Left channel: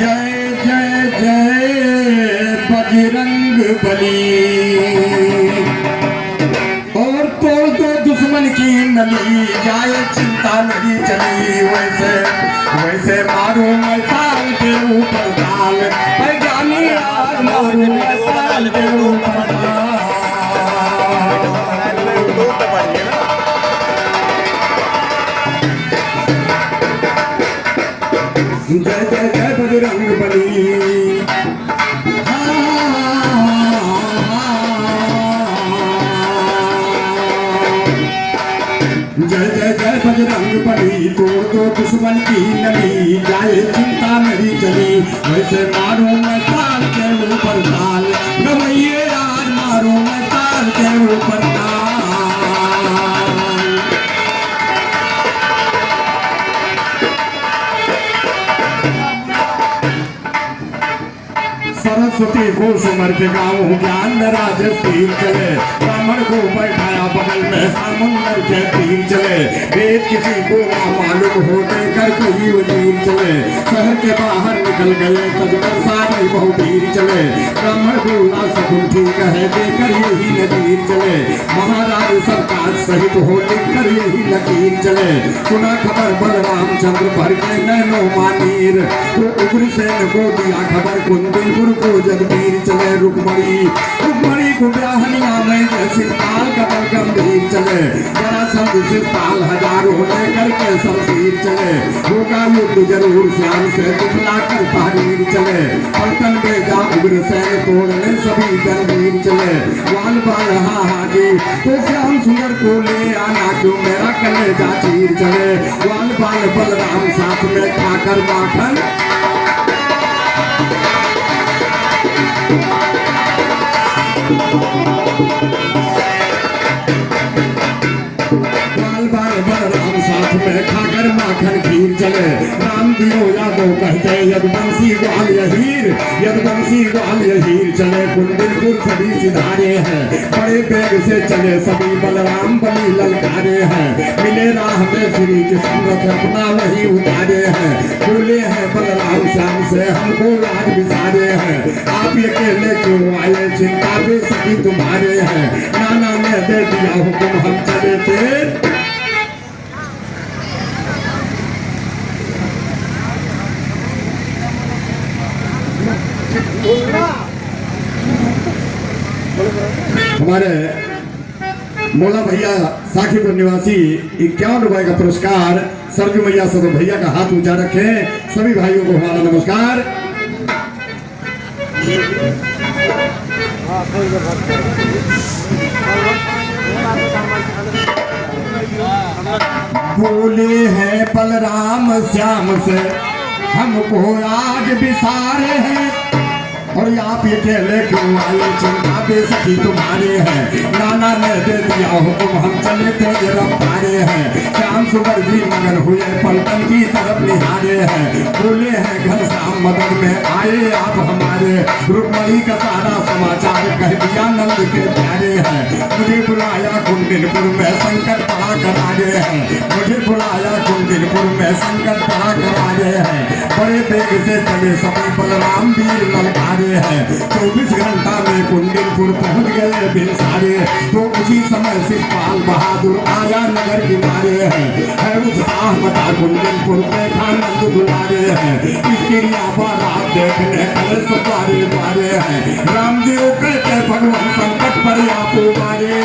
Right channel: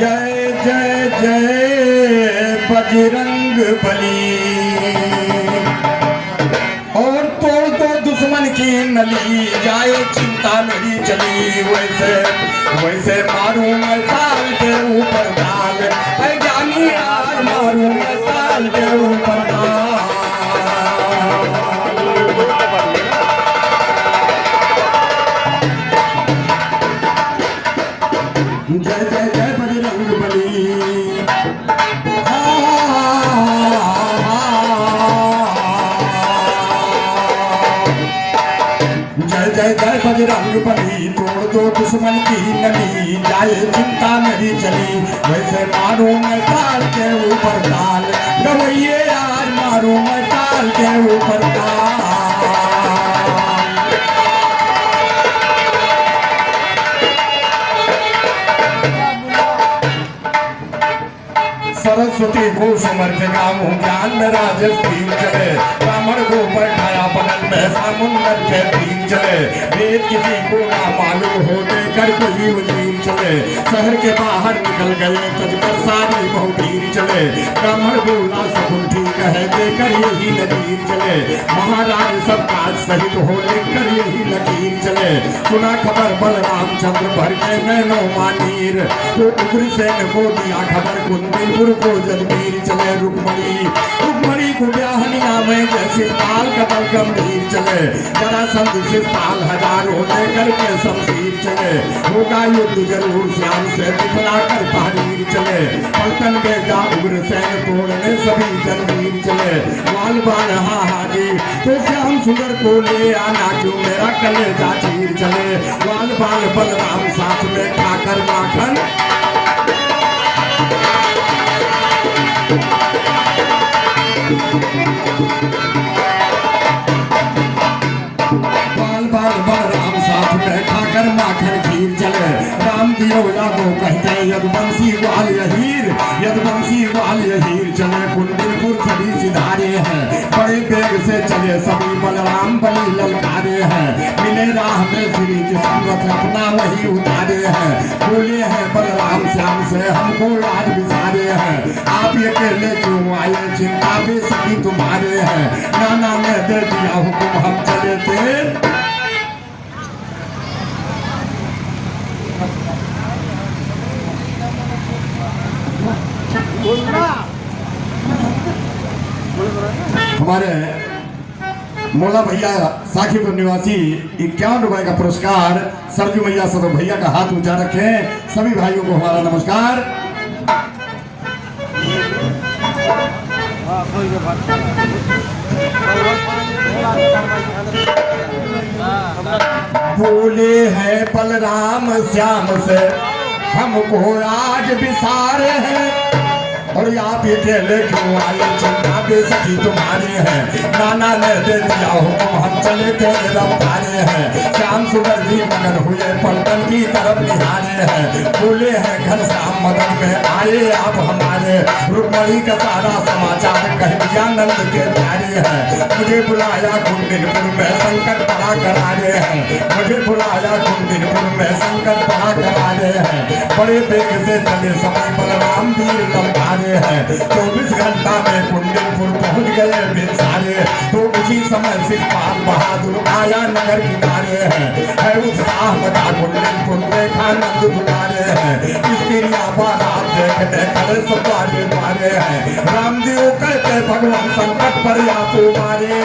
जय जय जय बजरंग बली। और तोड़ दो दुश्मन की नली, जाए चिंता मेरी चली। वैसे वैसे मारू मैं ताल के ऊपर ताल, जानी यार मारू मैं ताल के ऊपर ताल। जय जय जय बजरंग बली। जय जय जय बजरंग बली। तोड़ दो दुश्मन की नली, जाए चिंता मेरी चली। वैसे मारू मैं ताल के ऊपर ताल, गवैये आज मारू मैं ताल के ऊपर ताल। सरस्वती को सुमर के गाँव, ज्ञान में राजस तीर चले। ब्राह्मण को बैठाया बगल में, समुंदर के तीर चले। वेद किसी को ना मालूम होते, कर कोई वजीर चले। शहर के बाहर निकल गए, तजकर सारी बहु तीर चले। ब्राह्मण बोला सकुन ठीक है, देकर यही नजीर चले। महाराज सरकार सहित हो, लेकर यही लकीर चले। सुना खबर बलराम चंद्र भर के नैनो मानीर, तो उग्रसेन को दिया खबर कुंदीपुर को जगबीर चले। रुक्मणी को ब्याहनिया में जैसे पाल कदम गंभीर चले। जरासंध से पाल हजारों में करके शमशीर चले। होगा युद्ध जरूर श्याम से, दिखला कर पहाड़ीर चले। पलटन में जा उग्रसेन तोड़ने सभी जनवीर चले। वाल बाल हाजी तो श्याम सुंदर को ले आना, जो मेरा कलेजा चीर चले। वाल बाल बलराम साथ में खाकर माखन, बाल बाल बलराम साथ में खाकर माखन खीर चले। राम दियो यादव कहते यदुवंशी ग्वाल यहीर, यदुवंशी ग्वाल यहीर चले। कुंडलपुर सभी सिधारे हैं, बड़े बेग से चले सभी। बलराम बली ललकारे हैं, मिले राह में श्री कृष्ण रथ अपना वही उतारे हैं। बोले हैं बलराम श्याम से, हमको आज विसारे हैं। आप अकेले क्यों आए, चिंता बेसकी तुम्हारे हैं। नाना ने दे दिया हुक्म, हम चले थे। हमारे मोला भैया साखीपुर निवासी 51 रुपए का पुरस्कार सरजू मैया सदो भैया का हाथ ऊंचा रखें। सभी भाइयों को हमारा नमस्कार। बोले हैं बलराम श्याम से, हमको आज विसारे हैं। और आप अकेले क्यों आए, चिंता बेसकी तुम्हारे हैं। नाना ने दे दिया हुक्म, हम चले तेज रफ्तारे हैं। श्याम सुंदर जी मगन हुए, पलटन की तरफ निहारे हैं। बोले हैं घनश्याम मदद में आए आप हमारे। रुक्मणी का सारा समाचार कह दिया नंद के प्यारे हैं। मुझे बुलाया कुंडलपुर में, संकट पड़ा करारे हैं। मुझे बुलाया कुंडलपुर में, संकट पड़ा करारे हैं। बड़े बेग से चले सभी बलराम वीर ललकारे हैं। 24 घंटा में कुंडलपुर पहुंच गए बिनसारे। तो उसी समय शिषपाल बहादुर आया नगर किनारे हैं। है उत्साह बता कुंडलपुर देखा नंद दुलारे हैं। स्त्रियां बारात देखने करे सवारे मारे हैं। रामदेव कहते भगवान संकट पर आप मारे।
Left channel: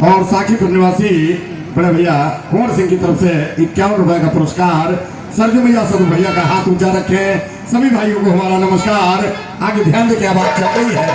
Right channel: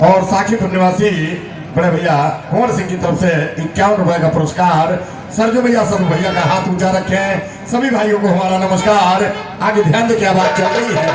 और साखीपुर निवासी बड़े भैया कुंवर सिंह की तरफ से 51 रुपए का पुरस्कार सरजू भैया सदू भैया का हाथ ऊंचा रखें। सभी भाइयों को हमारा नमस्कार। आगे ध्यान दें क्या बात चल रही है।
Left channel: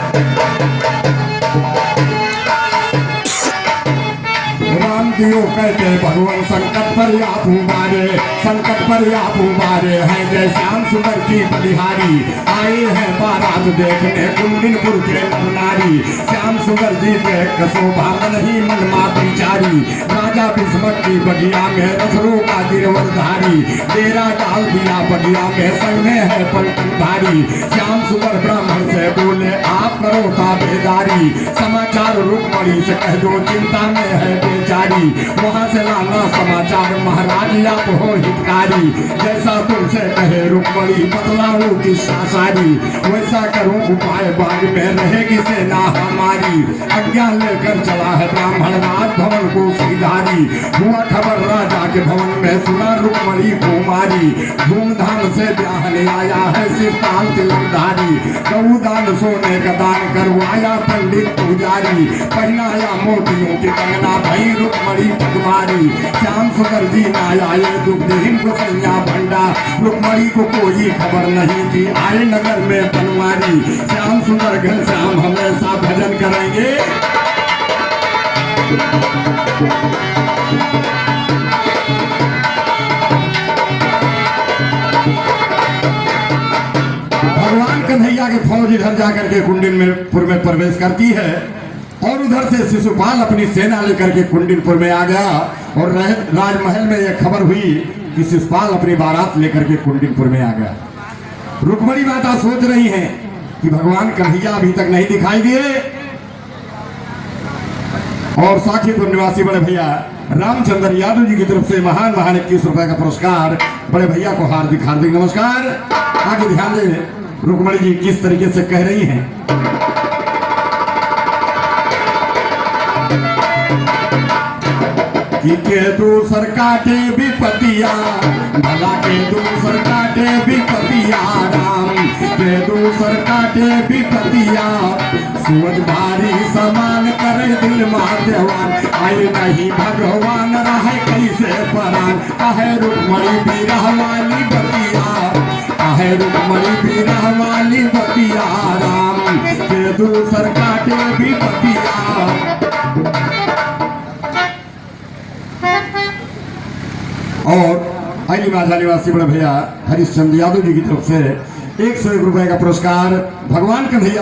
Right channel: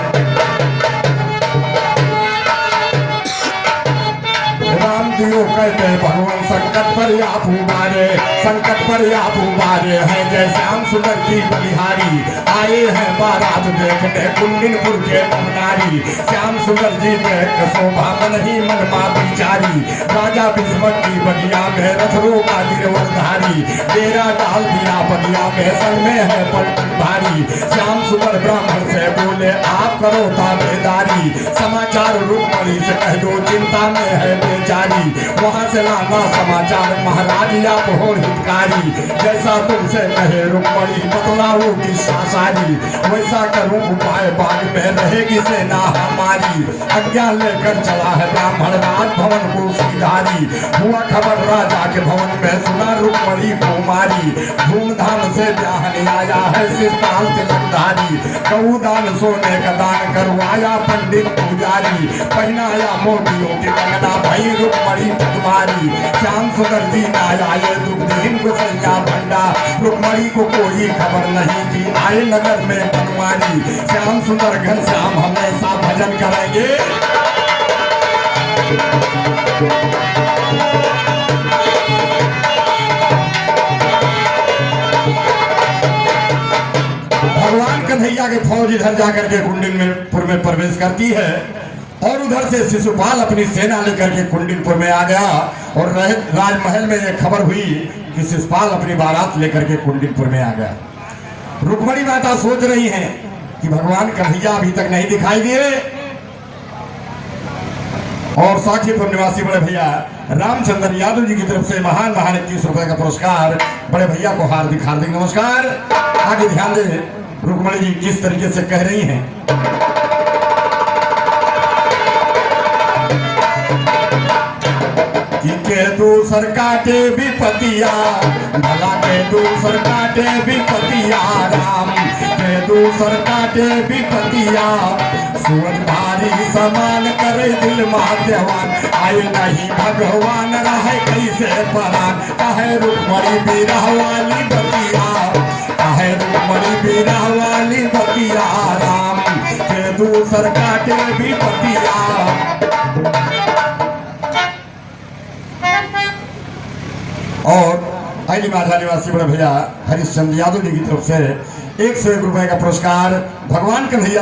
राम दियो कहते भगवान संकट पर आप उबारे, संकट पर आप उबारे हैं। जय श्याम सुंदर की बलिहारी आए हैं बारात देखने कुंडलपुर के नवनारी। श्याम सुंदर जी देख शोभा मन ही मन माँ बिचारी। राजा विस्मत की बगिया में रथरों का गिरवरधारी। डेरा डाल दिया बगिया में, संग में है पलटन भारी। श्याम सुंदर ब्राह्मण से बोले आप करो ताबेदारी। समाचार रुक्मणी रुक्मणी से कह दो चिंता में है बेचारी, वहाँ से लाना समाचार महाराज आप हो हितकारी। जैसा तुमसे कहे रुक्मणी बतलाऊं किस्सा सारी, वैसा करूं उपाय बाग में रहेगी सेना हमारी। आज्ञा लेकर चला है ब्राह्मण राज भवन को सीधारी, हुआ खबर राजा के भवन में सुना रुक्मणी कुमारी। धूमधाम से ब्याहने आया है शिवपाल तिलकधारी, गौदान सोने का दान करवाया पंडित पुजारी। पहनाया मोतियों की कंगना भई रुक्मणी कुमारी, श्याम सुंदर जी आए दुखदीन गोसैया भंडा। रुक्मणी को कोई खबर नहीं कि आए नगर में बनवारी, श्याम सुंदर घनश्याम हमेशा भजन करेंगे। भगवान कन्हैया के फौज इधर जाकर के कुंडिनपुर में प्रवेश करती है और उधर से शिशुपाल अपनी सेना लेकर के कुंडिनपुर में आ गया। और राजमहल में यह खबर हुई कि शिशुपाल अपनी बारात लेकर के कुंडिनपुर में आ गया। रुक्मणी माता सोच रही हैं कि भगवान कन्हैया अभी तक नहीं दिखाई दिए। और साखीपुर निवासी बड़े भैया रामचंद्र यादव जी की तरफ से महान 21 रुपए का पुरस्कार बड़े भैया को हार्दिक हार्दिक नमस्कार। आगे ध्यान दें रुक्मणी जी किस तरीके से कह रही हैं। के दूसर काटे विपतिया, भला के दूसर काटे विपतिया राम, के दूसर काटे विपतिया। सूरज भारी समान करे दिल महादेवान, आए नहीं भगवान रहे कैसे परान। कहे रुक्मणी बिरह वाली बतिया, कहे रुक्मणी बिरह वाली बतिया राम, के दूसर काटे विपतिया। और आईली माझा निवासी बड़े भैया हरिश्चंद्र यादव जी की तरफ से 101 रुपए का पुरस्कार भगवान कन्हैया